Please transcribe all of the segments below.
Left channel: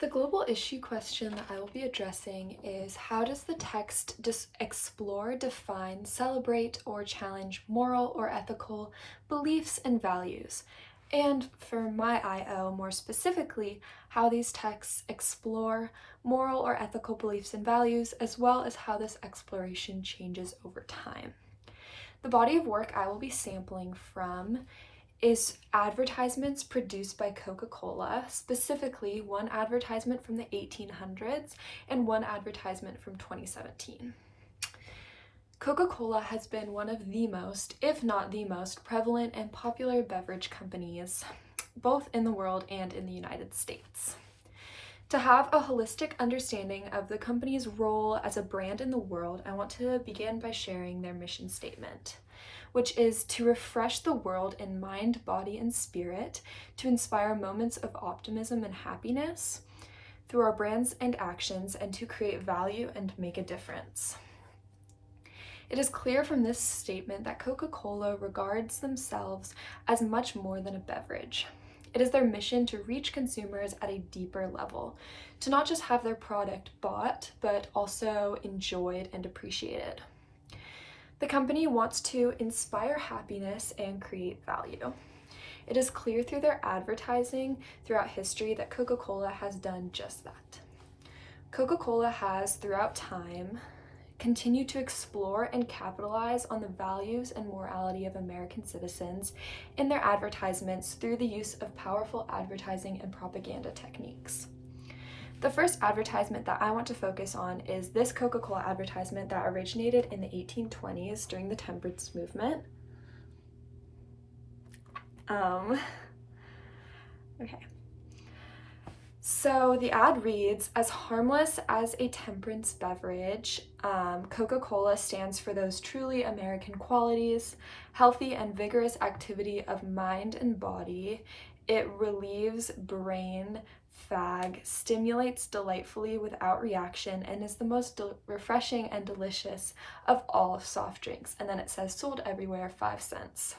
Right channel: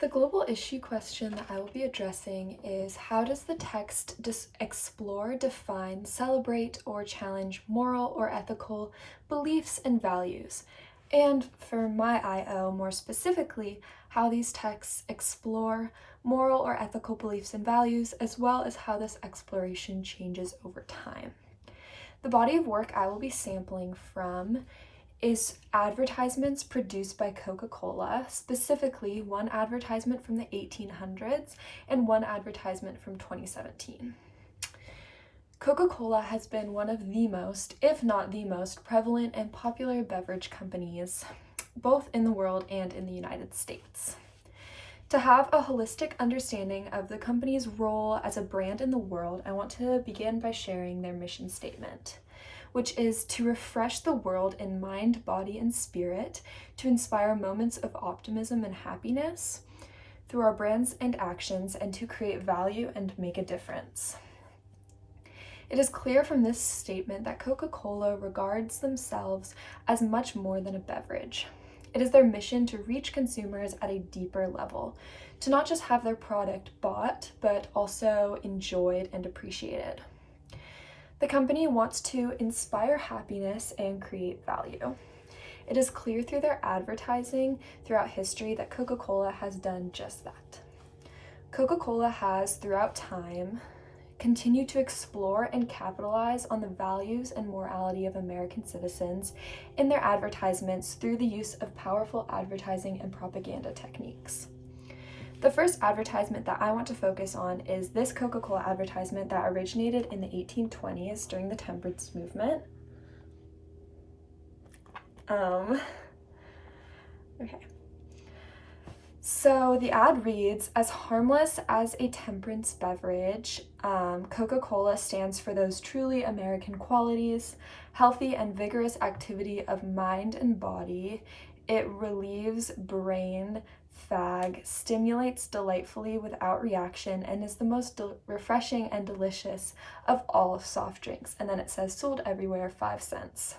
The global issue question that I will be addressing is, how does the text explore, define, celebrate, or challenge moral or ethical beliefs and values? And for my IO, more specifically, how these texts explore moral or ethical beliefs and values, as well as how this exploration changes over time. The body of work I will be sampling from is advertisements produced by Coca-Cola, specifically one advertisement from the 1800s and one advertisement from 2017. Coca-Cola has been one of the most, if not the most, prevalent and popular beverage companies, both in the world and in the United States. To have a holistic understanding of the company's role as a brand in the world, I want to begin by sharing their mission statement, which is to refresh the world in mind, body, and spirit, to inspire moments of optimism and happiness through our brands and actions, and to create value and make a difference. It is clear from this statement that Coca-Cola regards themselves as much more than a beverage. It is their mission to reach consumers at a deeper level, to not just have their product bought, but also enjoyed and appreciated. The company wants to inspire happiness and create value. It is clear through their advertising throughout history that Coca-Cola has done just that. Coca-Cola has, throughout time, continued to explore and capitalize on the values and morality of American citizens in their advertisements through the use of powerful advertising and propaganda techniques. The first advertisement that I want to focus on is this Coca-Cola advertisement that originated in the 1820s during the temperance movement. Okay. So the ad reads, "As harmless as a temperance beverage, Coca-Cola stands for those truly American qualities, healthy and vigorous activity of mind and body. It relieves brain fag, stimulates delightfully without reaction, and is the most refreshing and delicious of all soft drinks." And then it says, "Sold everywhere, 5 cents."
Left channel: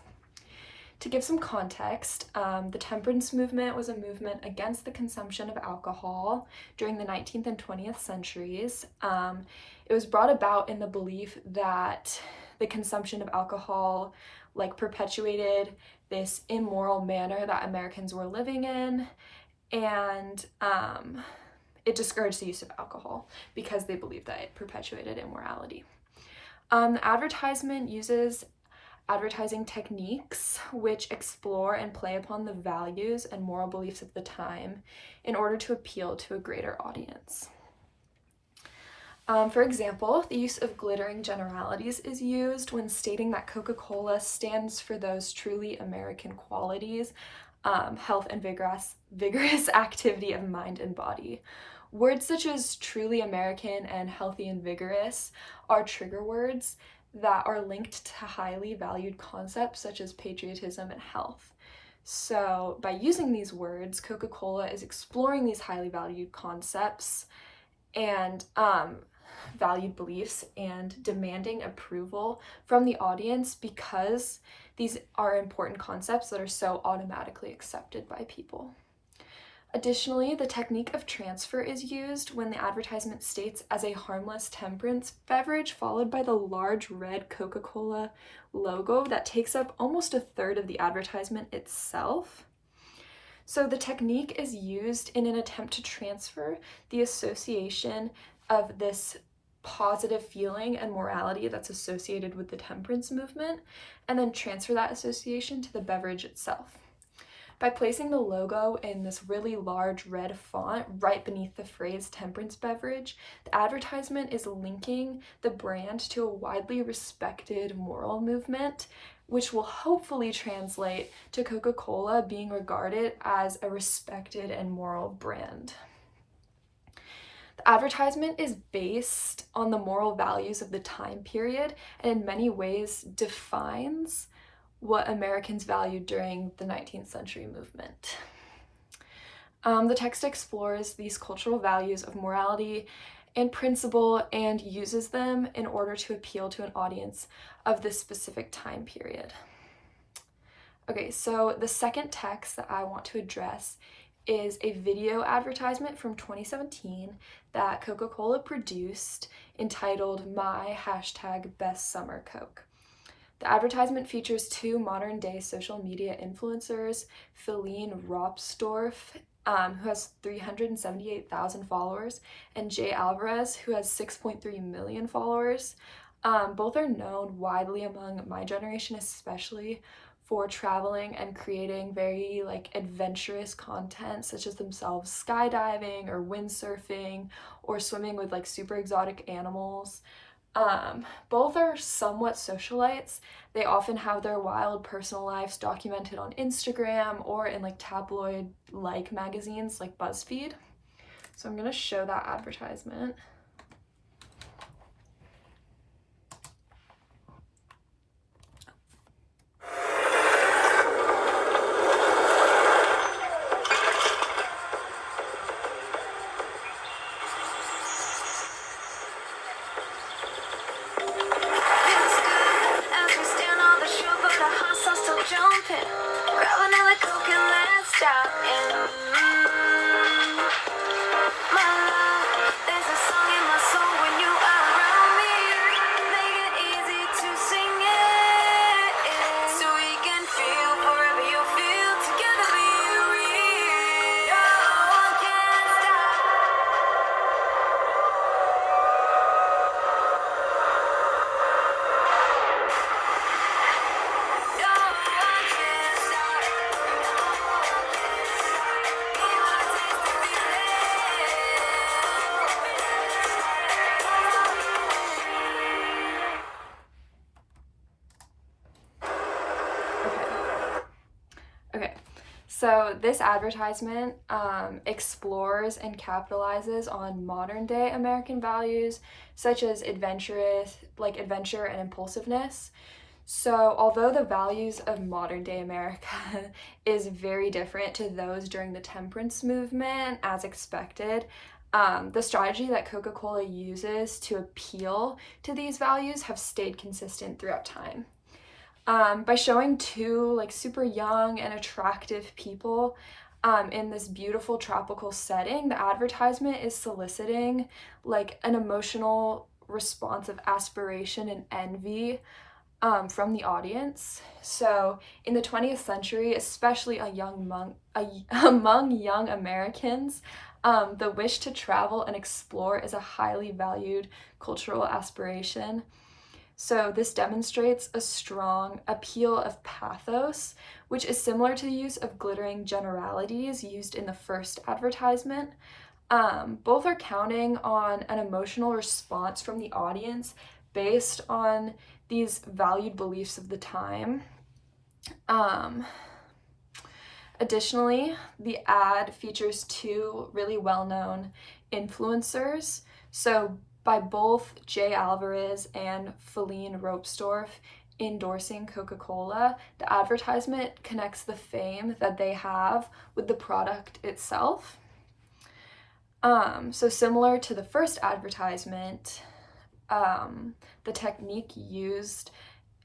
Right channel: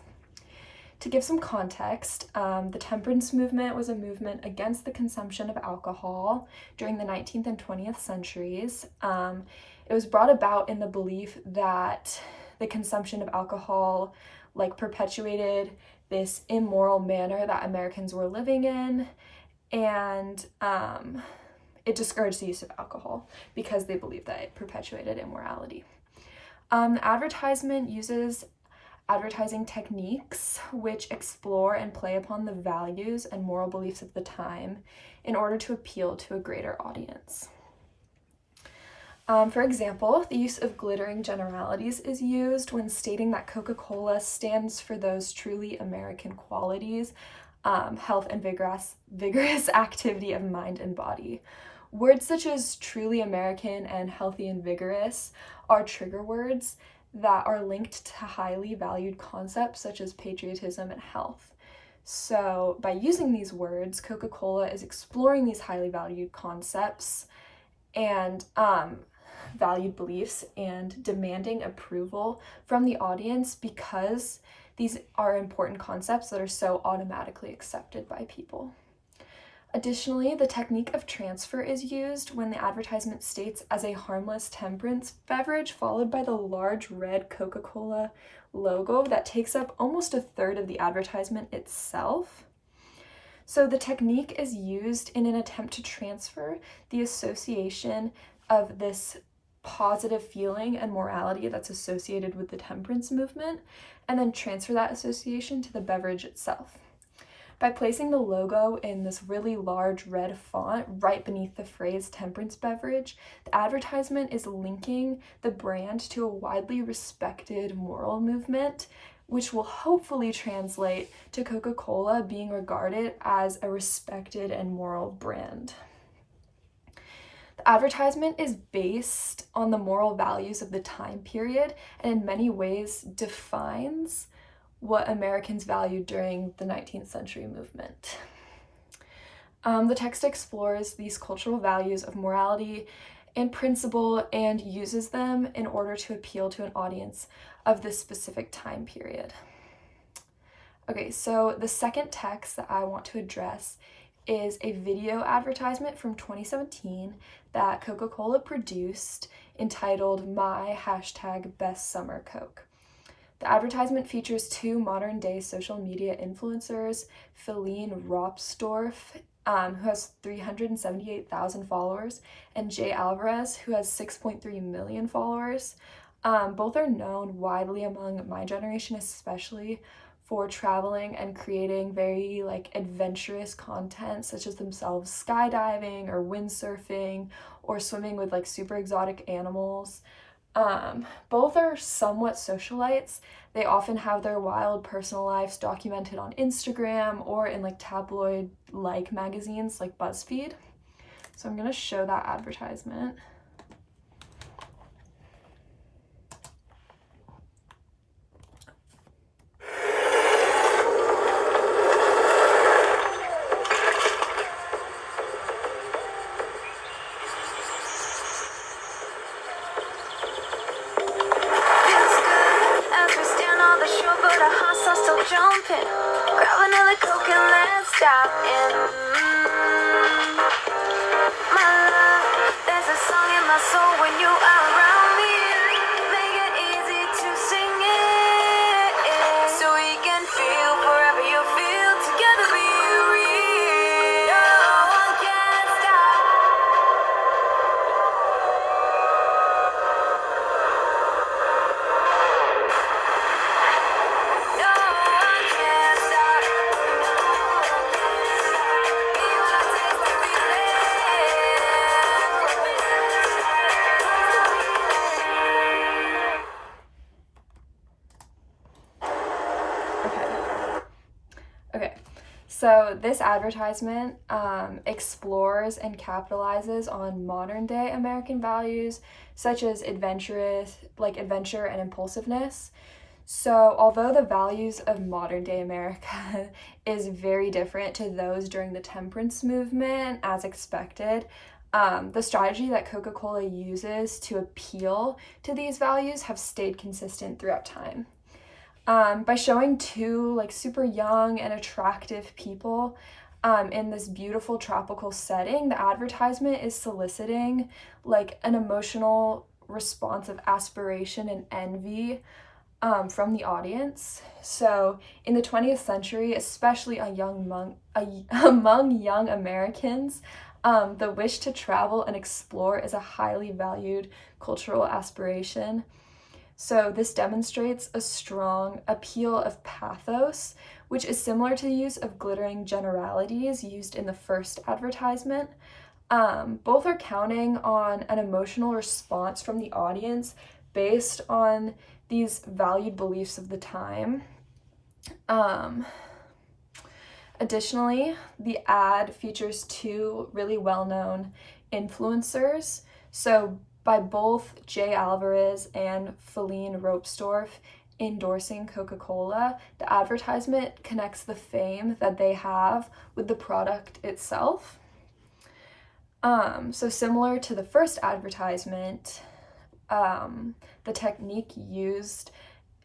To give some context, the temperance movement was a movement against the consumption of alcohol during the 19th and 20th centuries. It was brought about in the belief that the consumption of alcohol perpetuated this immoral manner that Americans were living in, and it discouraged the use of alcohol because they believed that it perpetuated immorality. The advertisement uses advertising techniques which explore and play upon the values and moral beliefs of the time in order to appeal to a greater audience. For example, the use of glittering generalities is used when stating that Coca-Cola stands for those truly American qualities, health and vigorous activity of mind and body. Words such as truly American and healthy and vigorous are trigger words that are linked to highly valued concepts such as patriotism and health. So by using these words, Coca-Cola is exploring these highly valued concepts and valued beliefs and demanding approval from the audience because these are important concepts that are so automatically accepted by people. Additionally, the technique of transfer is used when the advertisement states as a harmless temperance beverage, followed by the large red Coca-Cola logo that takes up almost a third of the advertisement itself. So the technique is used in an attempt to transfer the association of this positive feeling and morality that's associated with the temperance movement, and then transfer that association to the beverage itself. By placing the logo in this really large red font right beneath the phrase temperance beverage, the advertisement is linking the brand to a widely respected moral movement, which will hopefully translate to Coca-Cola being regarded as a respected and moral brand. The advertisement is based on the moral values of the time period and in many ways defines what Americans valued during the 19th century movement. The text explores these cultural values of morality and principle and uses them in order to appeal to an audience of this specific time period. Okay, so the second text that I want to address is a video advertisement from 2017 that Coca-Cola produced entitled My #Best Summer Coke. The advertisement features two modern-day social media influencers, Feline Ropsdorf, who has 378,000 followers, and Jay Alvarez, who has 6.3 million followers. Both are known widely among my generation, especially for traveling and creating very adventurous content, such as themselves skydiving or windsurfing or swimming with super exotic animals. Both are somewhat socialites. They often have their wild personal lives documented on Instagram or in tabloid magazines like BuzzFeed. So I'm gonna show that advertisement. Grab another Coke and let's dive in. My love, there's a song in my soul when you are around me. Make it easy to sing it, so we can feel forever you feel together. Be real. No one can stop. No one can stop. Okay, so this advertisement explores and capitalizes on modern day American values such as adventure and impulsiveness. So, although the values of modern day America is very different to those during the temperance movement, as expected, the strategy that Coca-Cola uses to appeal to these values have stayed consistent throughout time. By showing two super young and attractive people in this beautiful tropical setting, the advertisement is soliciting an emotional response of aspiration and envy from the audience. So in the 20th century, especially among young Americans, the wish to travel and explore is a highly valued cultural aspiration. So this demonstrates a strong appeal of pathos, which is similar to the use of glittering generalities used in the first advertisement. Both are counting on an emotional response from the audience based on these valued beliefs of the time. Additionally, the ad features two really well-known influencers. So by both Jay Alvarez and Feline Ropsdorf endorsing Coca-Cola, the advertisement connects the fame that they have with the product itself. So similar to the first advertisement, the technique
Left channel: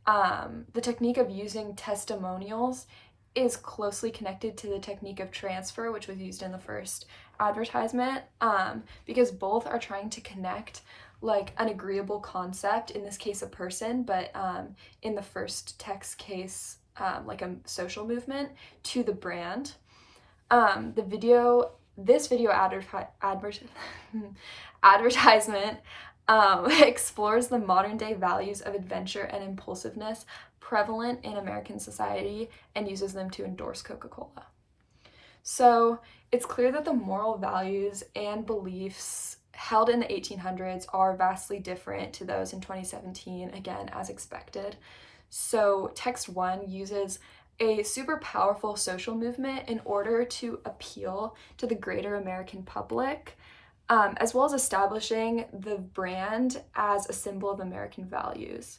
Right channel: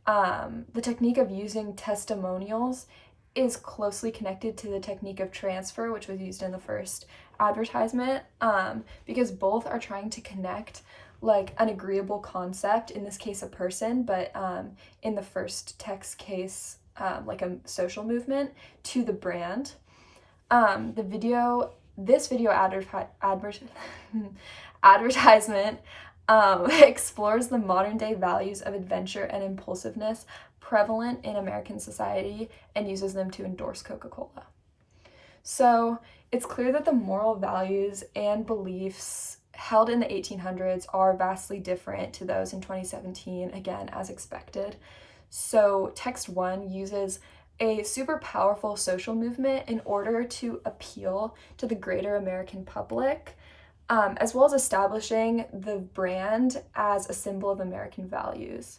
of using testimonials is closely connected to the technique of transfer, which was used in the first advertisement, because both are trying to connect an agreeable concept, in this case a person, but in the first text case a social movement, to the brand. This video advertisement explores the modern day values of adventure and impulsiveness prevalent in American society and uses them to endorse Coca-Cola. So it's clear that the moral values and beliefs held in the 1800s are vastly different to those in 2017, again, as expected. So text 1 uses a super powerful social movement in order to appeal to the greater American public, as well as establishing the brand as a symbol of American values.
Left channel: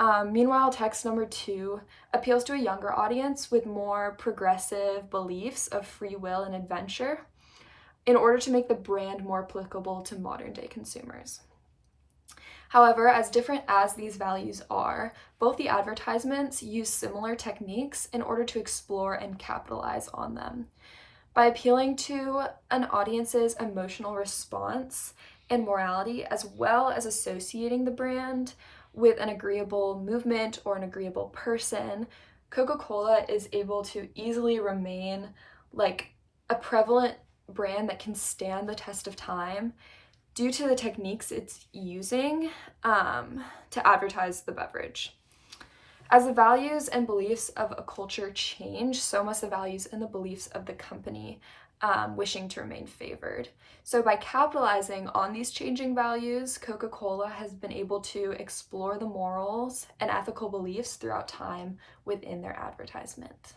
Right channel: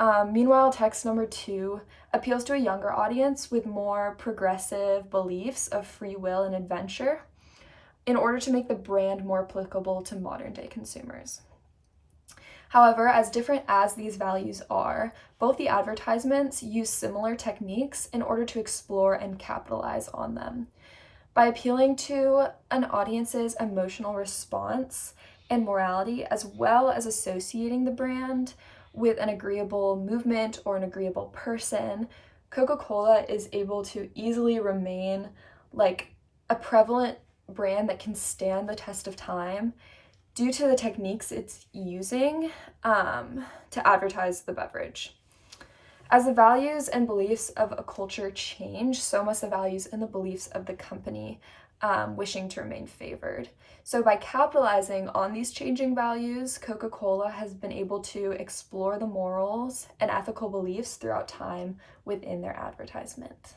Meanwhile, text number 2 appeals to a younger audience with more progressive beliefs of free will and adventure in order to make the brand more applicable to modern day consumers. However, as different as these values are, both the advertisements use similar techniques in order to explore and capitalize on them. By appealing to an audience's emotional response and morality, as well as associating the brand with an agreeable movement or an agreeable person, Coca-Cola is able to easily remain like a prevalent brand that can stand the test of time due to the techniques it's using to advertise the beverage. As the values and beliefs of a culture change, so must the values and the beliefs of the company wishing to remain favored. So by capitalizing on these changing values, Coca-Cola has been able to explore the morals and ethical beliefs throughout time within their advertisement.